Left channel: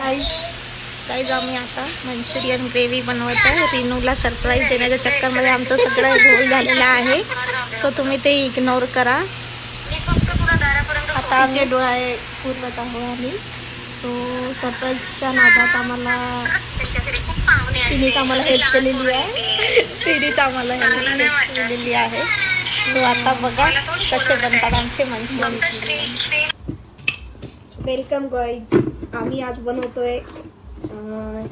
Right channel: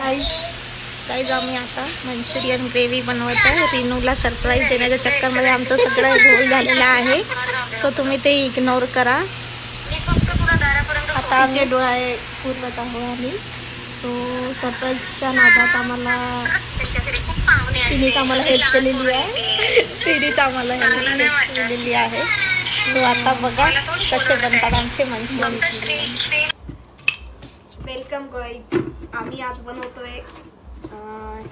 काहीच आम्ही आता मंचुरियन ग्रेव्ही बनवत आहे. रिनूला सरप्राईज देण्याच्या चक्करमध्ये आमचं सगळं घोळ झालेलं आहे. सो तुम्ही ते इग्नोर करा. आता आमचे डोळे पुरवत आहो आम्ही. सो सरप्राईजच्या नादात आम्हाला तिनेच आम्हाला हेल्प केलेली आहे. तिनेच आम्हाला हेल्प केलेली आहे. सो आता बघा कसे बनतात आमचे मंचुरियन. वेलकम गाईज आम्ही आज बनवतोय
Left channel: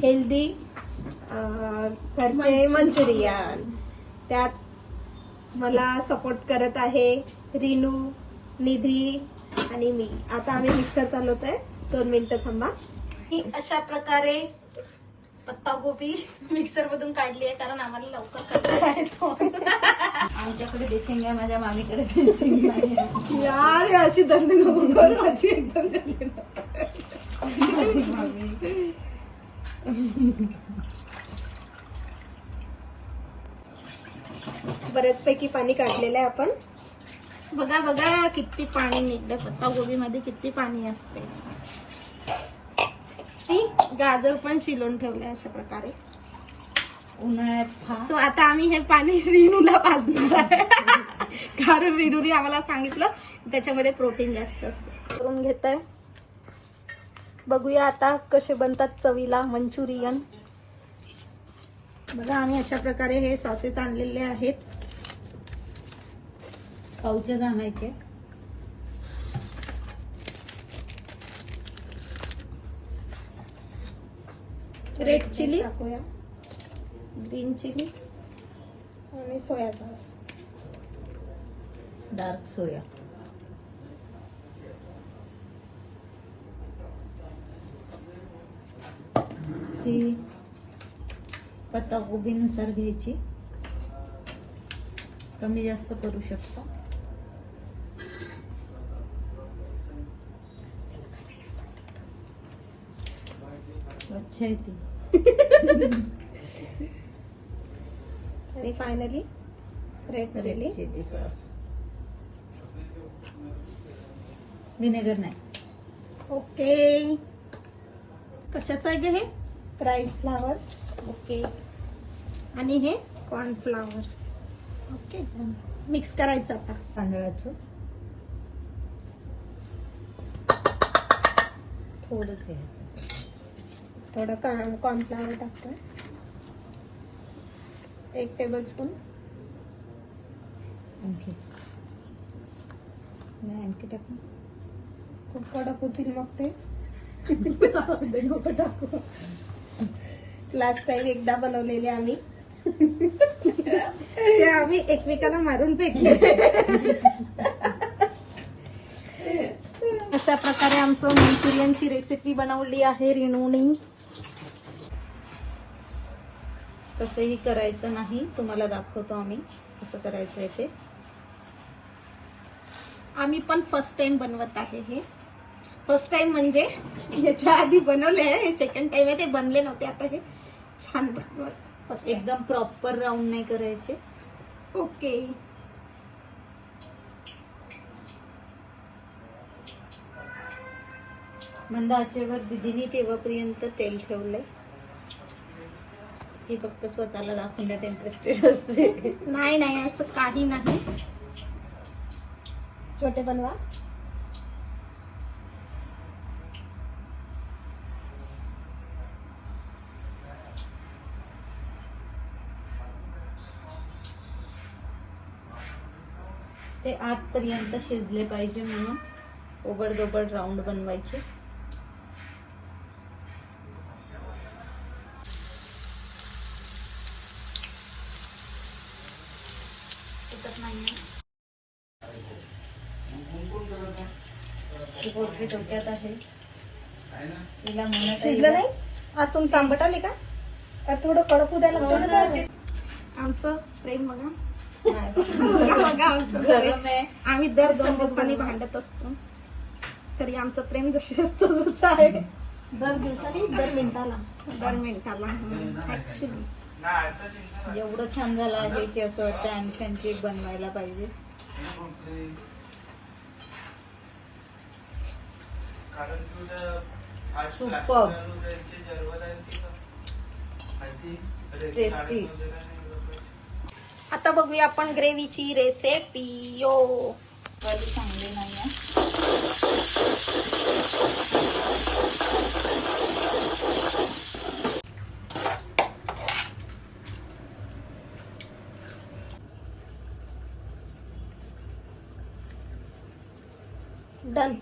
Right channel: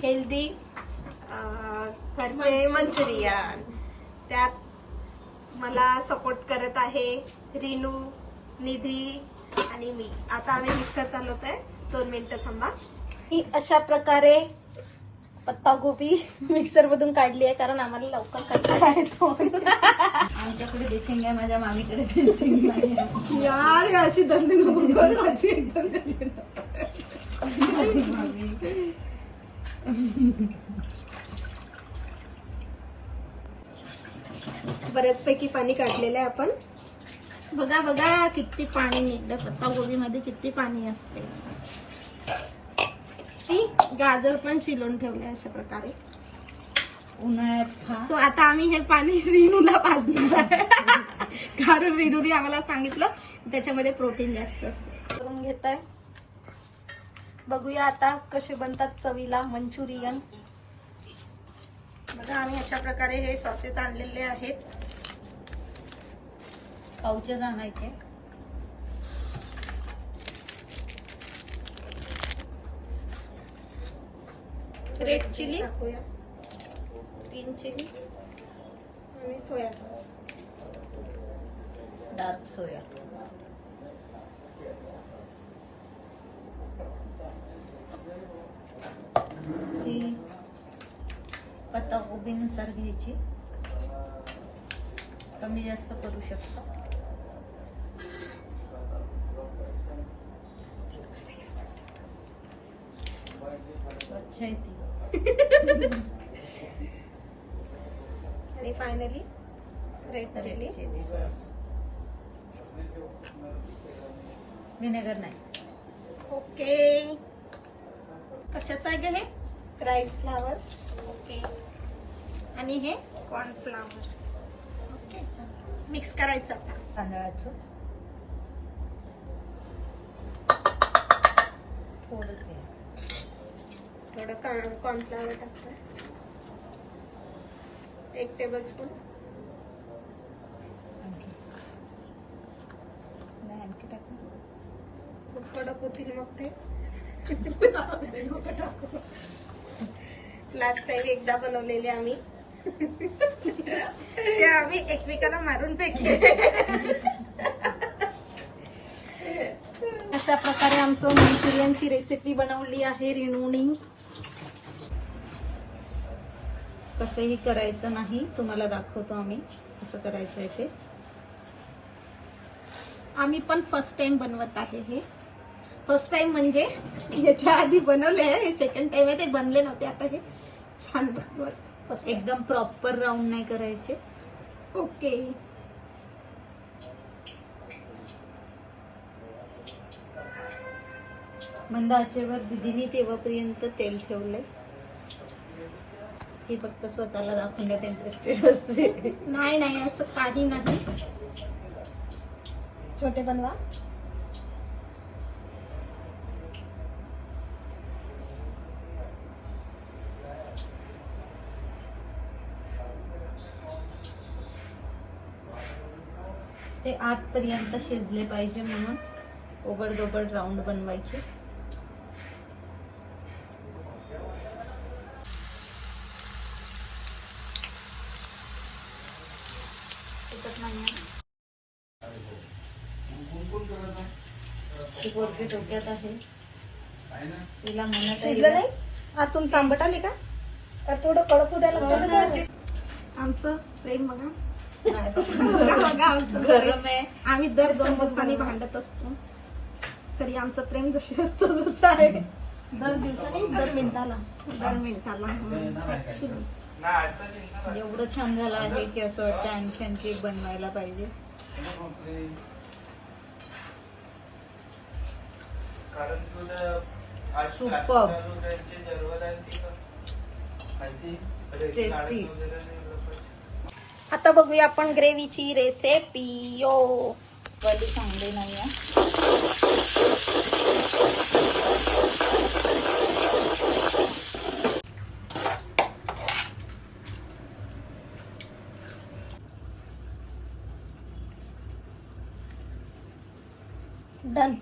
हेल्दी घरचे मंचुरियन. त्यात मला सपोर्ट करत आहे रिनू निधी आणि मी. आता आम्ही मिक्सर चालवतोय. दोन मिनिटं थांबा. ही अशा प्रकारे पत्ता गोबी मिक्सर मधून काढली आहे कारण आम्हाला लवकर येतो आमच्याकडे देशिंग आहे माझ्या मामीकडे देशिंग आहे. यार अशी दंड माझी एकदम मामी बऱ्याचपैकी पाणी काढलेलं आहे आपण. बघा बघा किती पाणी निघलं. पत्ता गोबी मध्ये किती पाणी असते. गाजर पण शिलून ठेवले अशा प्रकारे. उन्हाळ्यात खा. सो आता आम्ही हे पाणी रिनूला पाजणार आहे. कारण रिनूने आम्हाला सांगितलं त्याच्यामध्ये प्रोटीन जास्त असते. करून घेत आहे बघूया आता कसे बनतात चवीला मंचुरियन. बघा आम्ही अशा प्रकारे हे सॉसेस आणलेले आहेत. पावचे आणायचे रेड चिली ग्रीन चिली आणि सोया सॉस डार्क सोया ही पत्ता गोबीनुसार घ्यायची. कमी जास्त करू शकता. स्वच्छ आहे ती. आणि finally red chilli chilli sauce vinegar नाही. ओके कशाचं आहे ग हे? Rice flour okay. आणि हे कॉर्नफ्लावर ओके मिक्स करायचं आता. तांदळाचं. थोडं थोडं कॉर्न कॉर्नफ्लावर टाकतो एक टेबल स्पून आणखी. नाही आणखी टाक. खूप कडक होतील मग ते. टाकू. लास्ट टाइम एकदा बनवलेले आम्ही. ते आम्ही एकमेकाला मारून फेकले. अशा प्रकारे आमचं मंचुरियनची रेसिपी बनवली आहे रिणूनी. तसंही करायचं नाही तुम्हाला दाखवतो आम्ही कसं करायचं आहे ते. आम्ही पण फर्स्ट टाइम बनवत आहे हे. फर्स्ट टाइम म्हणजे याच्या आधी बनवले आहे सेकंड टाइम आहे ते बनले नव्हते आता हे. छान एकदम प्रॉपर राऊंड नाही करायचे. ओके मंद आचेवर दिदीने तेव्हापर्यंत तेल ठेवलंय. ही फक्त स्वतःला दाखवण्यात इंटरेस्टेड असते. नाही नाही असं काही नाही. छोटे बनवा. ते आतपर्यंत शिजले पाहिजे म्हणून ओबड दोबड राऊंड बनवायचे डोक्यात आहे. तिला शिजलं नाही? आतून चांबट आले का? थोडं कडक ना ते? आमचं प्रेम बघा. गरम आहे आम्ही दर दोन दिवसांनी भांडत असतो. तरी आमचं प्रेम जसे असतं आहे. दर दिवसानी दर मिनिटाला. दर मिनिटाला ऍक्च्युली एवढं छान झालं आहे की असं वाटतं आणखी आणखी एक बनवायला पाहिजे. सुपर टेस्टी आता बघूया आपण ग्रेव्हीची रेसिपी. यो. कधी चांगले नाहीये. डन